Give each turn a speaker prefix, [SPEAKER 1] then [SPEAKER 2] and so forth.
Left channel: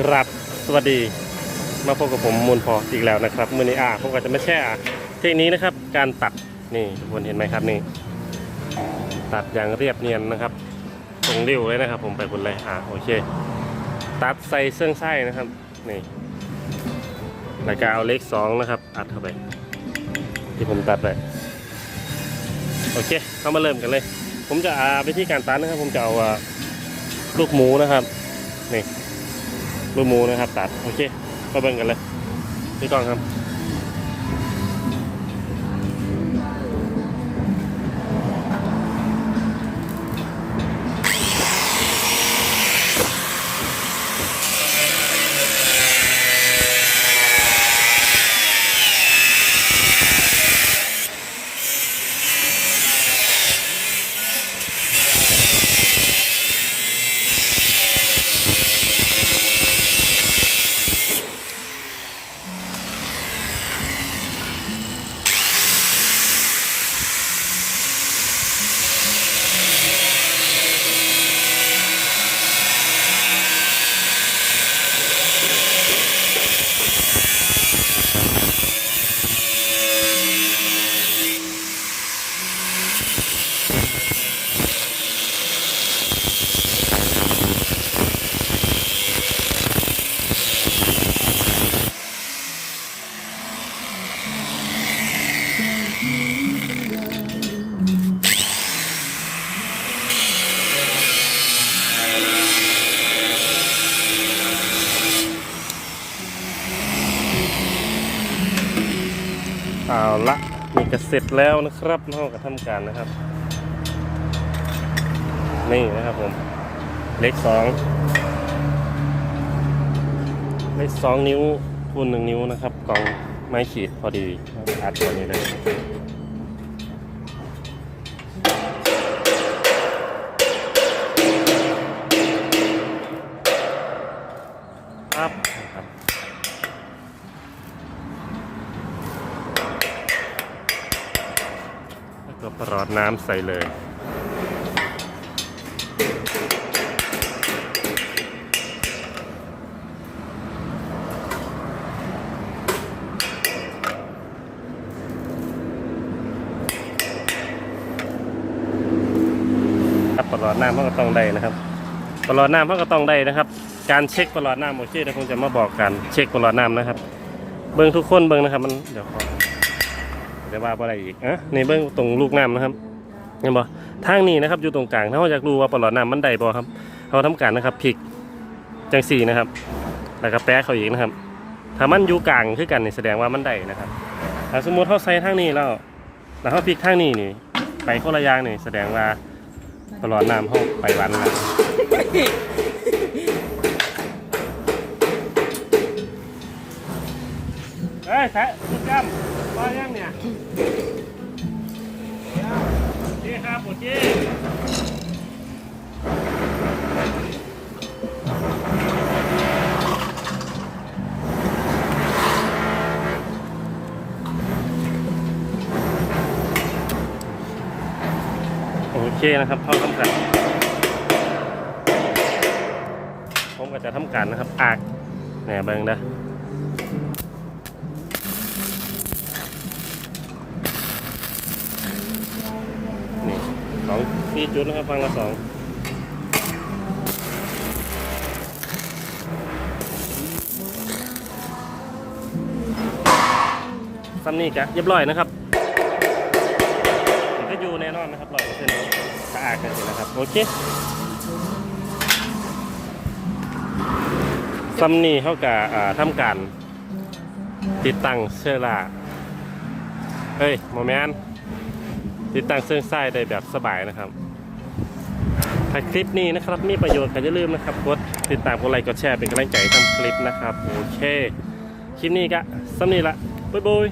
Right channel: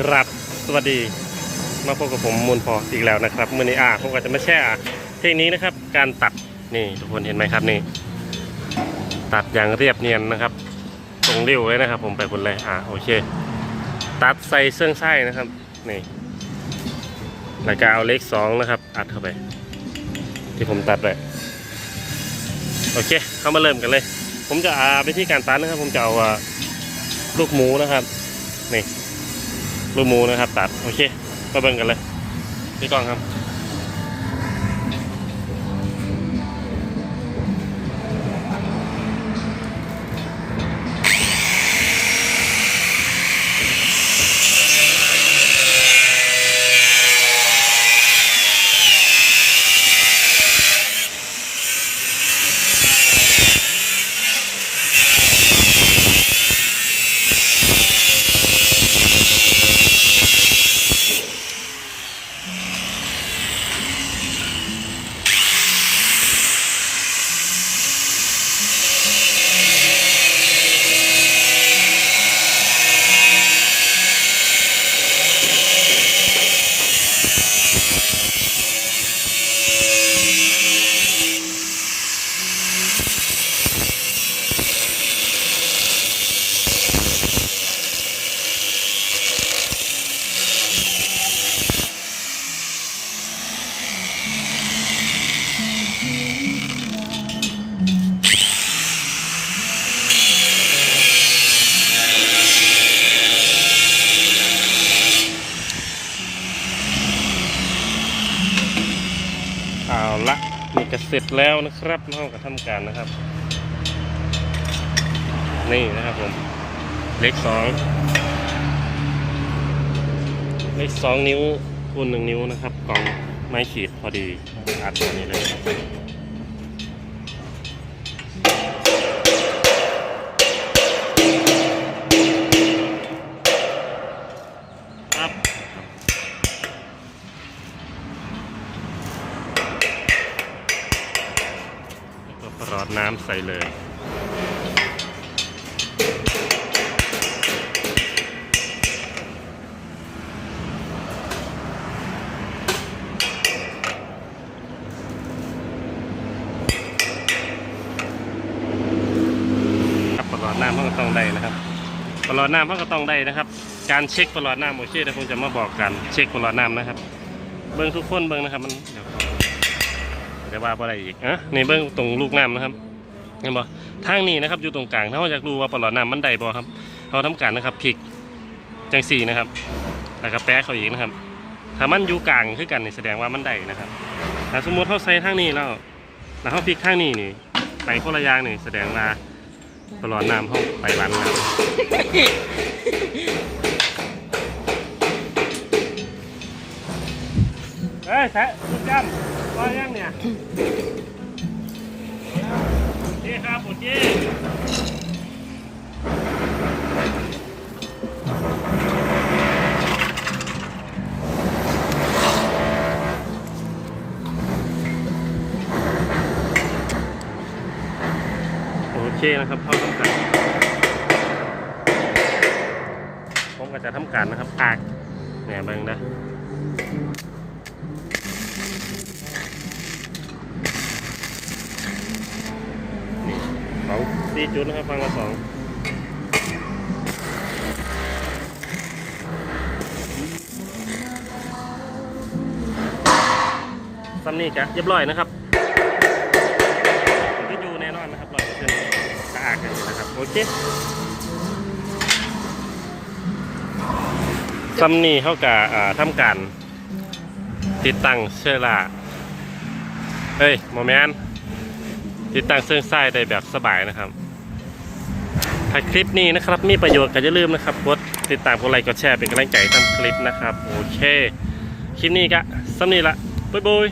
[SPEAKER 1] ครับสวัสดีมาพบกับผมมูลพออีกแล้วนะครับมือนี้อ่าผมก็จะมาแช่เทคนิคนะครับ การตัดนี่ทุกคนเห็นไหมครับนี่ ตัดอย่างเรียบเนียนนะครับ ตรงเร็วเลยนะครับ ผมไปคนเลยอ่าโอเค ตัดใส่เสื้องไส้นะครับนี่แล้วก็เอาเลขสองนะครับ อัดเข้าไป ที่ผมตัดไปโอเค เข้ามาเริ่มกันเลย ผมจะอาวิธีการตัดนะครับ ผมจะเอาลูกหมูนะครับนี่ ลูกหมูนะครับตัดโอเคมาเบิ่งกันเลยพี่กองครับ ก็เสร็จแล้วนะครับเราก็ทำการนะครับ นี่นะครับผม เล็กสองเล็กสองนิ้วคูณหนึ่งนิ้วนะครับกล่องไม้ขีดพอดีอัดตัวนี้เลย ระหลอดน้ำใส่เลย ครับประหลอดน้ำมันก็ต้องได้นะครับประหลอดน้ำมันก็ต้องได้นะครับ การเช็คประหลอดน้ำโอเคเดี๋ยวผมจะมาบอกกันเช็คประหลอดน้ำนะครับ เบิ้งทุกคนเบิ้งนะครับมันเดี๋ยวขอ เดี๋ยวว่าอะไรอีกอะนี่เบิ้งตรงลูกน้ำนะครับเห็นบ่ทางนี้นะครับอยู่ตรงกลางถ้าเราอยากรู้ว่าประหลอดน้ำมันได้บ่ครับ เราทำการนะครับพลิกจังสี่นะครับแล้วก็แปะเขาอีกนะครับ ถ้ามันอยู่กลางคือกันนี่แสดงว่ามันได้นะครับถ้าสมมติเขาใส่ทางนี้แล้วแล้วเขาพลิกทางนี้นี่ไปคนละอย่างนี่แสดงว่าตลอดน้ำห้องไปวันแล้วเฮ้ยแสะคุณจำ ว่ายังเนี่ยโอเคครับโอเคโอเคนะครับท่านผู้ชมผมก็จะทำการนะครับอากแหน่เบิ่งนะ นี่สองสี่จุดนะครับฟังละสองซัมนี่จะเรียบร้อยนะครับมันก็อยู่แน่นอนนะครับร้อยเปอร์เซ็นต์สะอาดกันนะครับโอเคซัมนี่เขากับอ่าทำการติดตั้งเชื้อราเอ้ยโมแมนติ ติดตั้งเครื่องไส้ได้แบบสบายนะครับ ถ้าคลิปนี้นะครับ มีประโยชน์ก็อย่าลืมนะครับกดติดตามกดไลค์กดแชร์เป็นกำลังใจทำคลิปนะครับ โอเค คลิปนี้ก็สำนีละบ๊ายบาย